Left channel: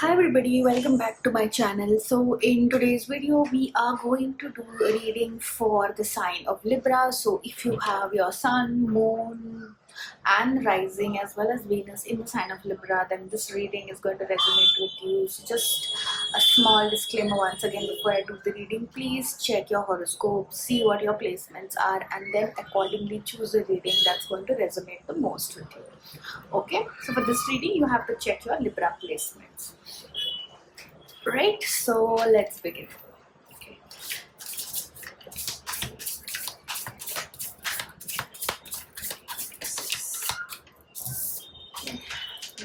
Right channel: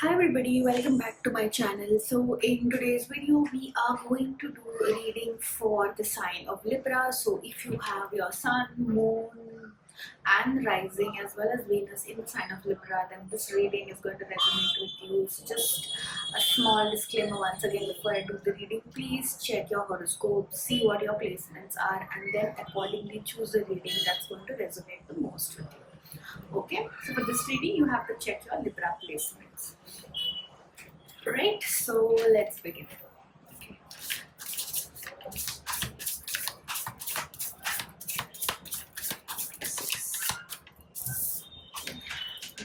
Hi everybody, welcome back to my channel. So in today's video we are going to do a reading for the sign of Libra. So if you have your sun, moon and rising as well as Venus in the sign of Libra, then this reading is going to resonate with you. So just a small disclaimer once again before I do the reading, please check your horoscope, see what your placements are and then accordingly choose a reading that's going to resonate the most with you. Okay, so for this reading you have to check your Libra placements. Right, so let's begin. Okay.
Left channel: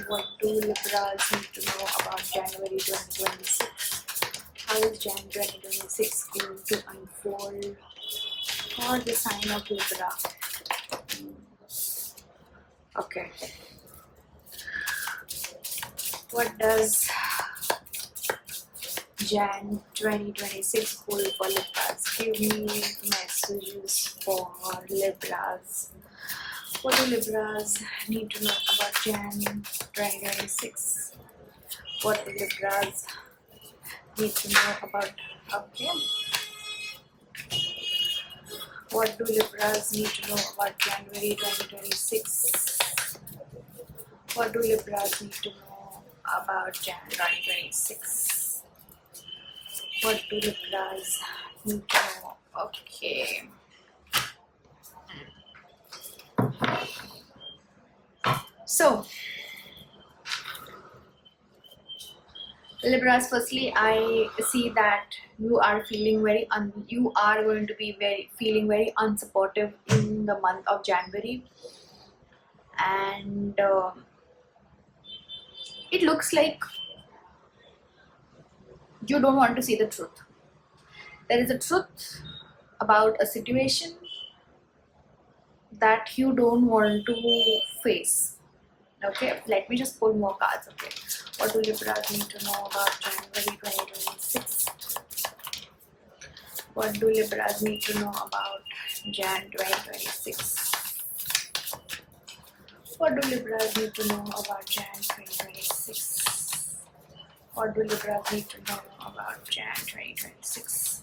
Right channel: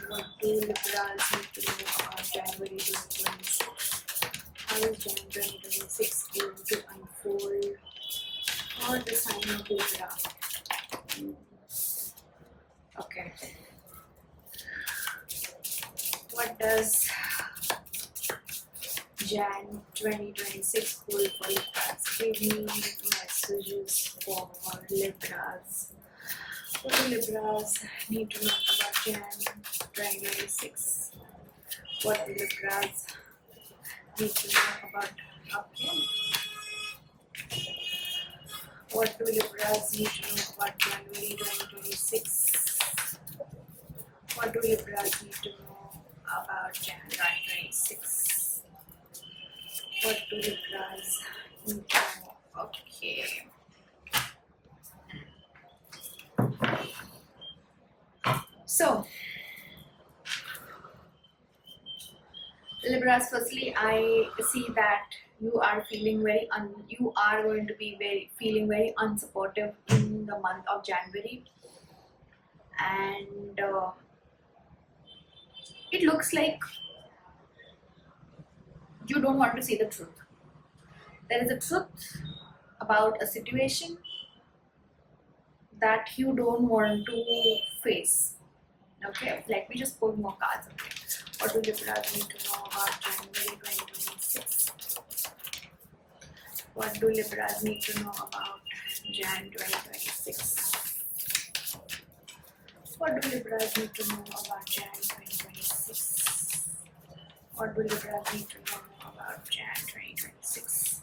What do Libras need to know about January 2026? How is Jan 2026 going to unfold for the sign of Libra? Okay. What does Jan 2026 hold for Libras? Give me messages for Libras. What do Libras need to know about Jan 2026? What do Libras need to know about? Okay. What do Libras need to know about January 2026? What do Libras need to know about Jan 2026? What do Libras need to know? Okay. So, Libras, firstly, I see that you are feeling you are going to be feeling very unsupportive in the month of January, and it looks like you don't want to see the truth. There is a truth about a situation that you don't want to face. Okay, let me just pull more cards. Okay, what do Libras need to know about January 2026? What do Libras need to know about Jan 2026? What do Libras need to know about Jan 2026? What do Libras need to know about Jan 2026?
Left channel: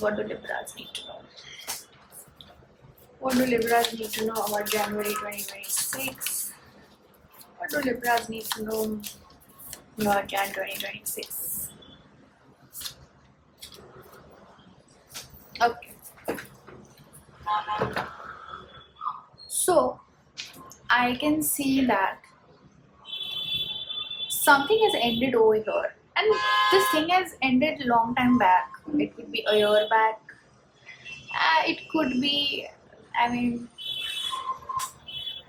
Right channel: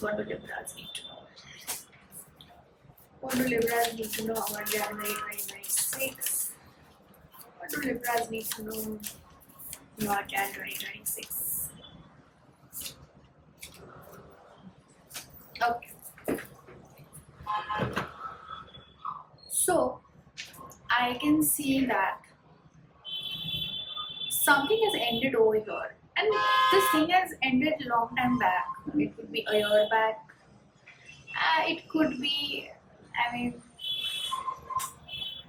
What do Libras need to know? What do Libras need to know about January 2026? What do Libras need to know about Jan 2026? Okay. So, I can see that something has ended over here. And this thing has ended long time back. It could be a year back. It could be, I mean,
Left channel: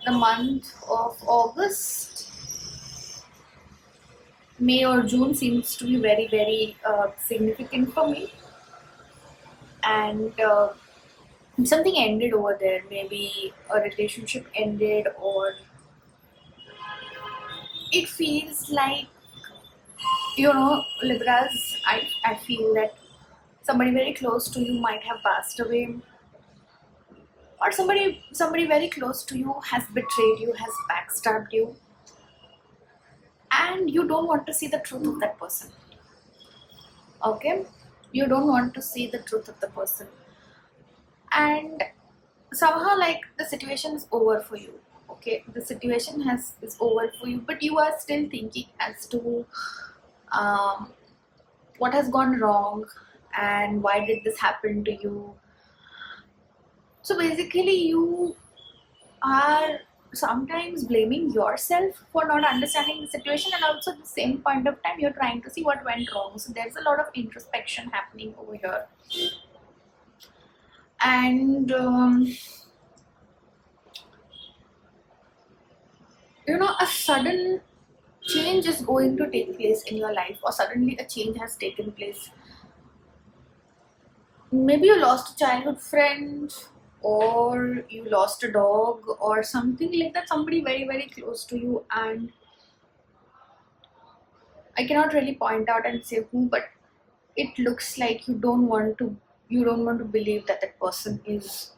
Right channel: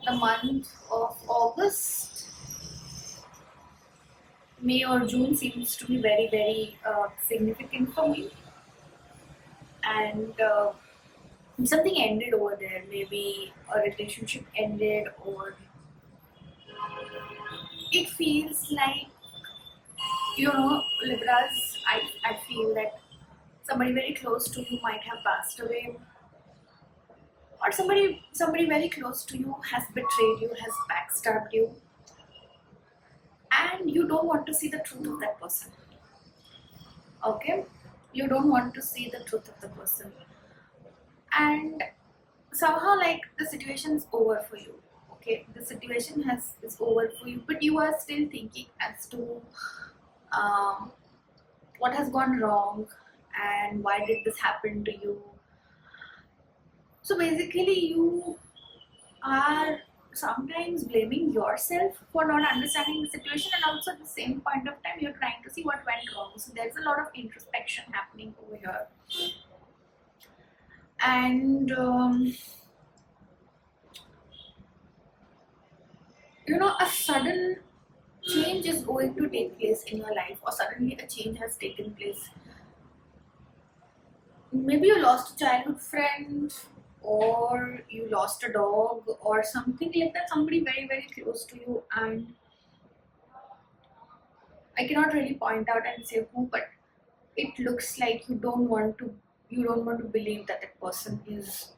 the month of August. May or June seems to be very significant for me. And something ended over there. Maybe a relationship ended, or it feels like, Libras, I feel that somebody very close to you might have passed away, or somebody very close to you has betrayed you, has backstabbed you, and you don't want to see the truth of that person. Okay, you don't want to see the truth of the person, and somehow like the situation is over for you. Okay, the situation is over for you, but you are still thinking as to what has gone wrong and why did this happen to you. So basically you are sometimes blaming yourself for not understanding the situation, and also at the same point of time you're trying to see what went wrong. So there's a lot of introspection happening over here, and a sudden change is going to take place in your life, or suddenly a change has taken place. Maybe you lost a childhood friend, or you lost a dog, or something like that, somebody very close to you, and I cannot really point out and say who, but it looks like you don't want to believe that that person is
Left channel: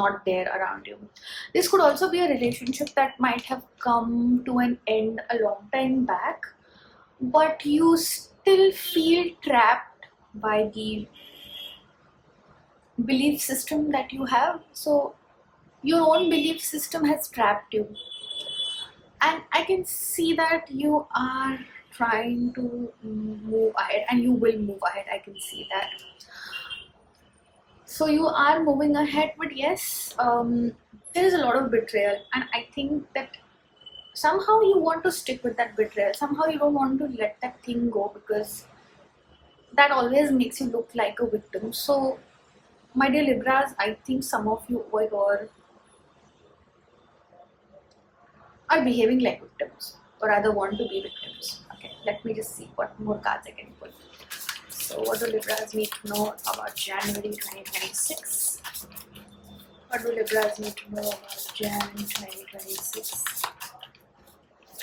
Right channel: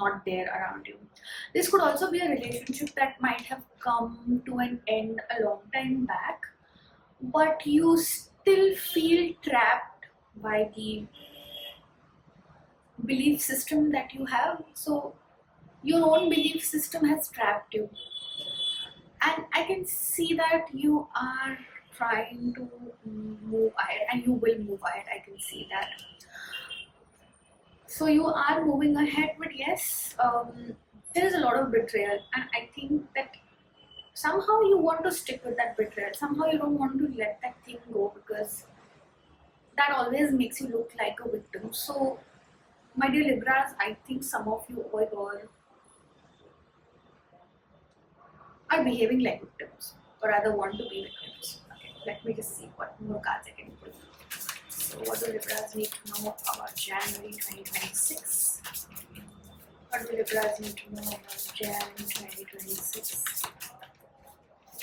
not there around you. This could also be a relationship that might have come to an end a long time back, but you still feel trapped by the belief system that you have. So your own belief system has trapped you, and I can see that you are trying to move ahead, and you will move ahead. I can see that. So you are moving ahead, but yes, there is a lot of betrayal, and I think that somehow you want to stick with that betrayal. Somehow you don't want to let that thing go, because that always makes you look like a victim. So, my dear Libras, I think some of you over here are behaving like victims, or rather want to be victims. Okay, let me just see what more cards I can pull. So, what do Libras need to know about January 2026? What do Libras need to know about January 2026?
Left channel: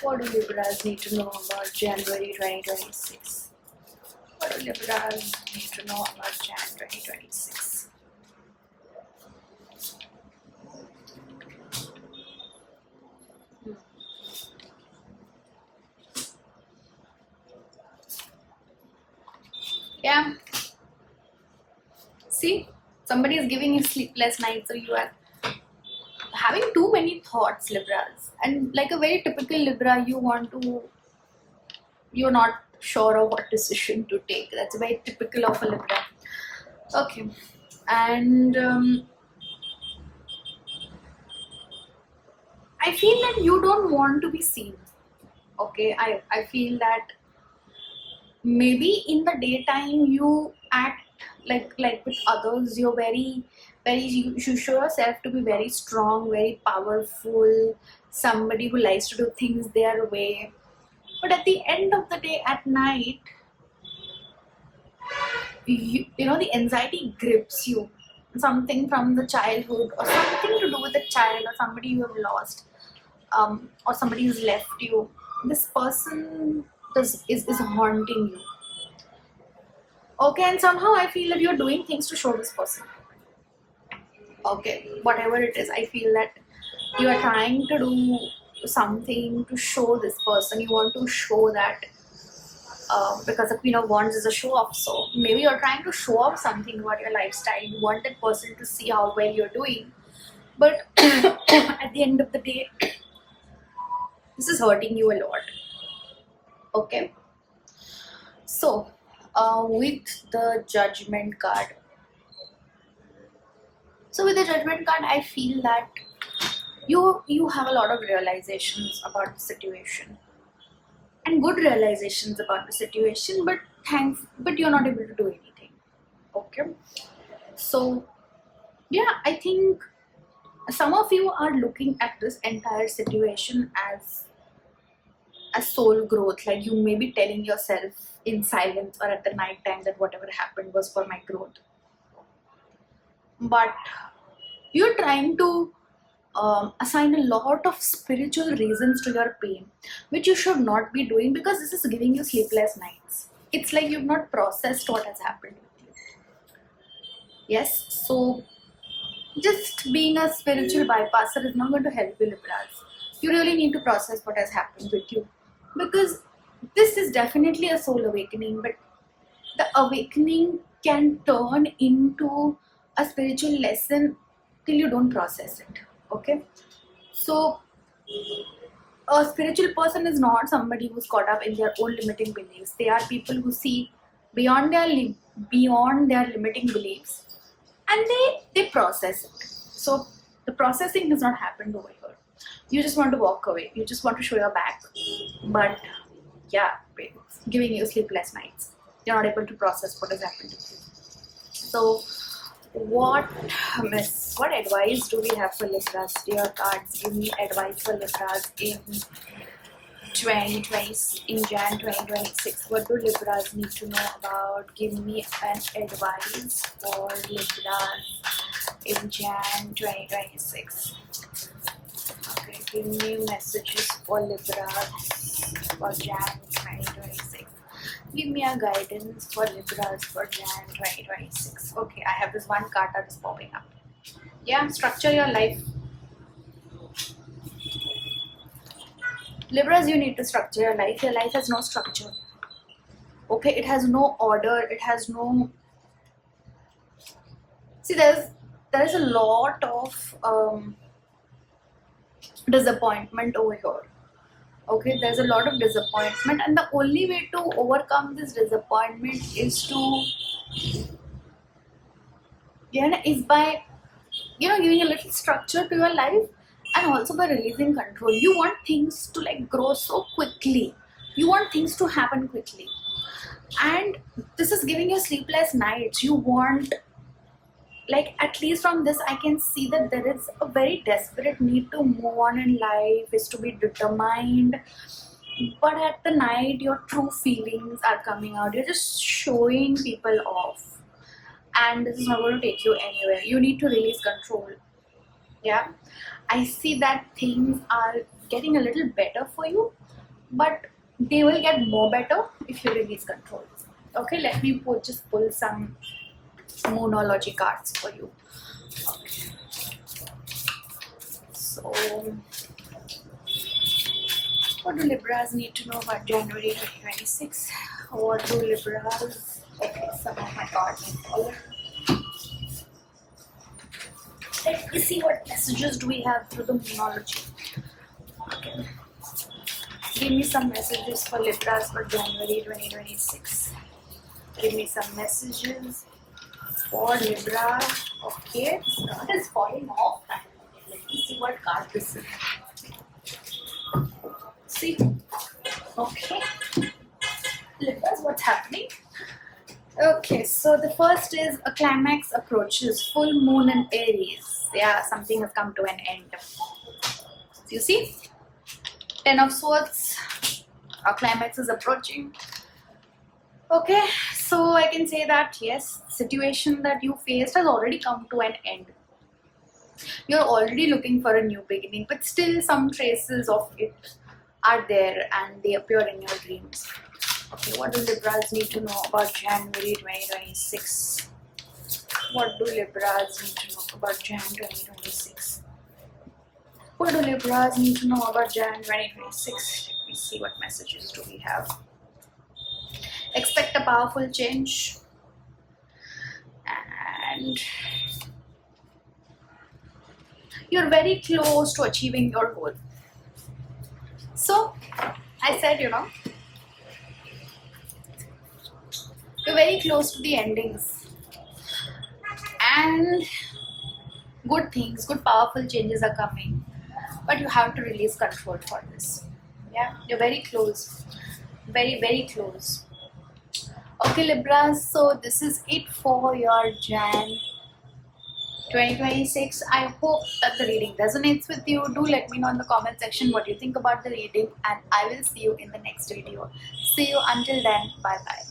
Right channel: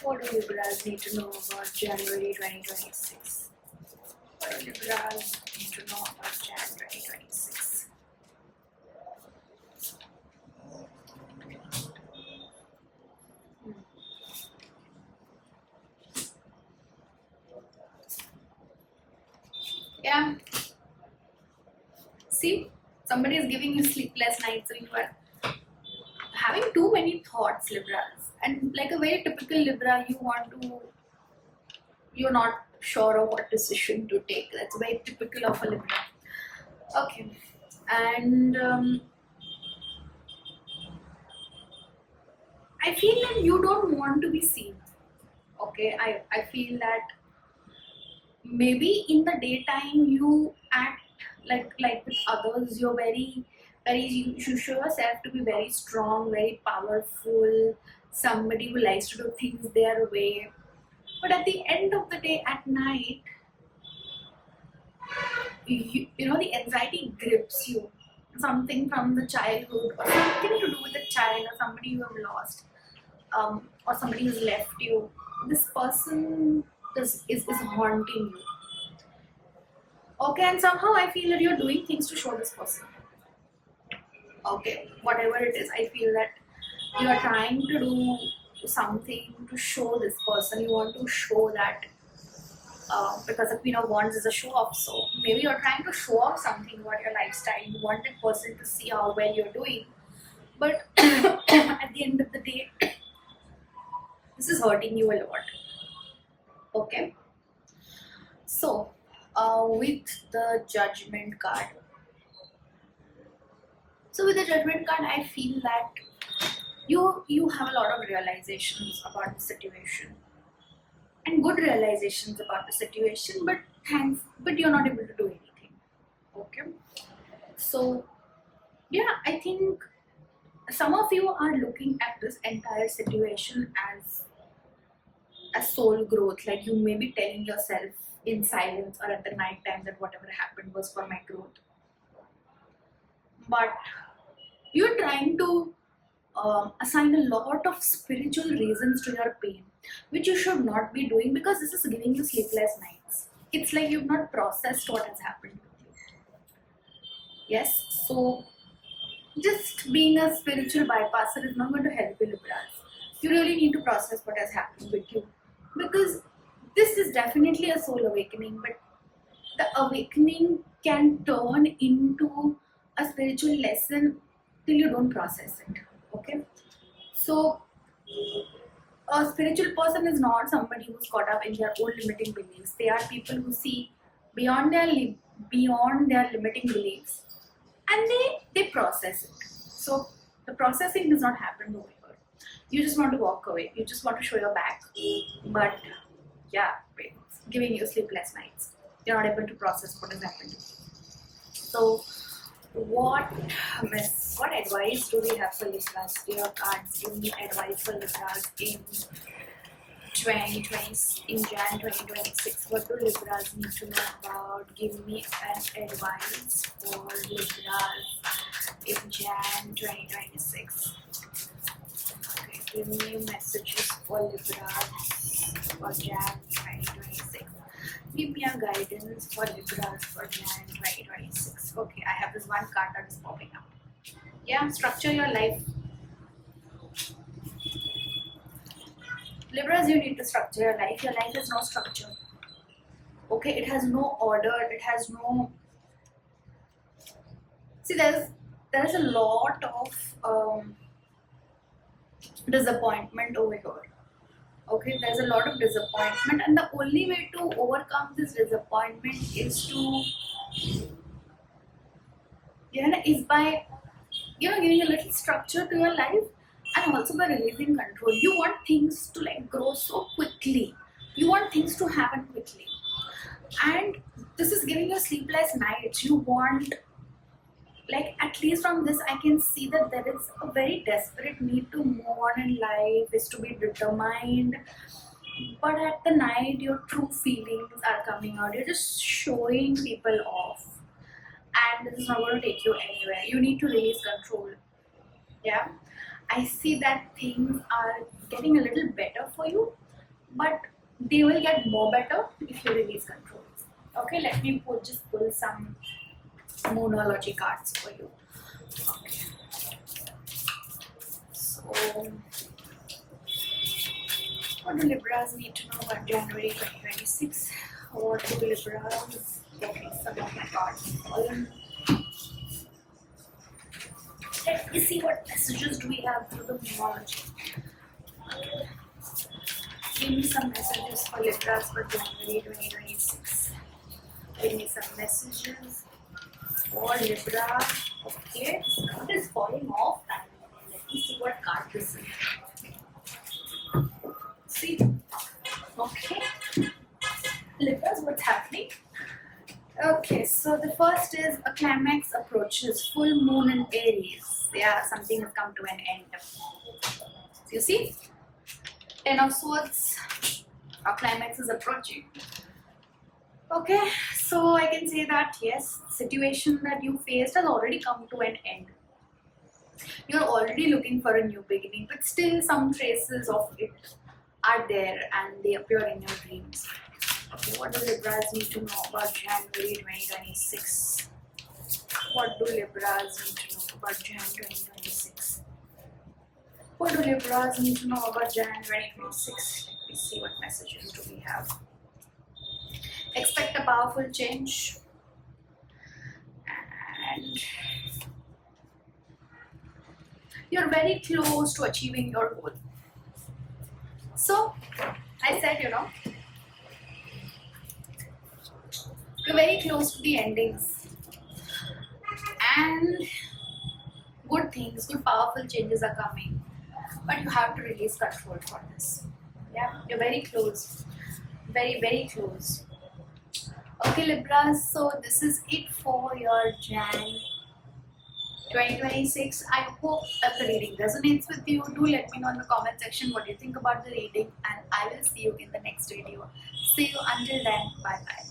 What do Libras need to know about January 2026? What do Libras need to know about January 2026? Yeah. See, somebody is giving you sleepless nights, so you are having too many thoughts, Libras. And like a very typical Libra, you're not sure of what decision to take. That's very typical of a Libra. Okay. And I feel that you don't want to be seen. Okay. I feel that maybe in the daytime you act like with others, you're very you show yourself to be very strong, very powerful, somebody who likes to do things their way. But at the end of the day, at night, you know, the anxiety grips you, something from the childhood, or something to do with the child, or somebody you have lost, or somebody who's left you. This person is haunting you. Okay, and somehow I feel that you're doing things to show this person. Okay, whatever it is, I feel that you are trying to do something to show this person. You want to show that, because the Queen of Wands is a show off. So maybe you're trying to show off something about your lifestyle. You want that person to see how well you're doing. But at the end of the day, this is hurting you a lot. Okay. So, with the Judgment card. So with the Judgment card, I feel that you have a lot of realizations about the situation, and good realizations about the situation, but you're not able to do anything. Okay. So yeah, I think some of you are looking at this entire situation as soul growth. Like you may be telling yourself in silence or at the night time that whatever happened was for my growth, but you're trying to assign a lot of spiritual reasons to your pain, which you should not be doing, because this is giving you sleepless nights. It's like you've not processed what has happened with you. Yes, so just being a spiritual bypasser is not going to help you, Libras. You really need to process what has happened with you, because this is definitely a soul awakening, but the awakening can turn into a spiritual lesson till you don't process it. Okay, so a spiritual person is not somebody who's caught up in their own limiting beliefs. They are people who see beyond beyond their limiting beliefs, and they process it. So the processing has not happened over here. You just want to walk away. You just want to show your back, but yeah, it's giving you sleepless nights. You're not able to process what has happened to you. So what advice do we have for Libras? Dear cards, give me advice for Libras in 2020, in Jan 2026. What do Libras need to know about? Give me an advice for Libras in Jan 2026. Okay, give me messages for Libras for Jan 2026. Give me a guidance for Libras for Jan 2026. Okay, I have this one card that is popping up. Yeah, structure your life. Libras, you need to structure your life. Your life has no structure. Okay, it has no order. It has no. See, there is a lot of disappointment over here. Okay, there's a lot of disappointment, and the only way to overcome this disappointment is to, yeah, is by giving a little structure to your life, and also by releasing control. You want things to like grow so quickly. You want things to happen quickly, and this is giving you sleepless nights. You want, like, at least from this I can see that there is a very desperate need to move on in life, is to be determined, but at the night your true feelings are coming out. You're just showing people off, and this is not going to take you anywhere. You need to release control. Yeah, I see that things are getting a little better for you, but they will get more better if you release control. Okay, let me just pull some moonology cards for you. So, what do Libras need to know about January 2026? What do Libras? Okay, some of my cards have fallen. Let me see what messages do we have through the moonology. Okay. Give me some messages for Libras for January 2026. Give me some messages for Libra. Okay, this card is falling off. Let me see what card this is. See? Okay. Libras, what's happening? Okay, so the first is a climax approaches, full moon in Aries. Yeah, something has come to an end. You see? 10 of Swords, our climax is approaching. Okay, so I can say that yes, situation that you faced has already come to an end. You're already looking for a new beginning, but still some traces of it are there and they appear in your dreams. Okay, what do Libras need to know about January 2026? What do Libras need to know about Jan 2026? What do Libras need to know about Jan 2026? Let me see what messages do we have. Expect a powerful change, and you're very close to achieving your goal. So, I said, you're very close to the endings, and good things, good powerful changes are coming, but you have to release control for this. Yeah, you're very close, very, very close. Okay, Libras, so this is it for your Jan 2026. I hope that the reading resonates with you. Do let me know in the comment section what you think about the reading, and I will see you in the next video. See you until then. Bye bye.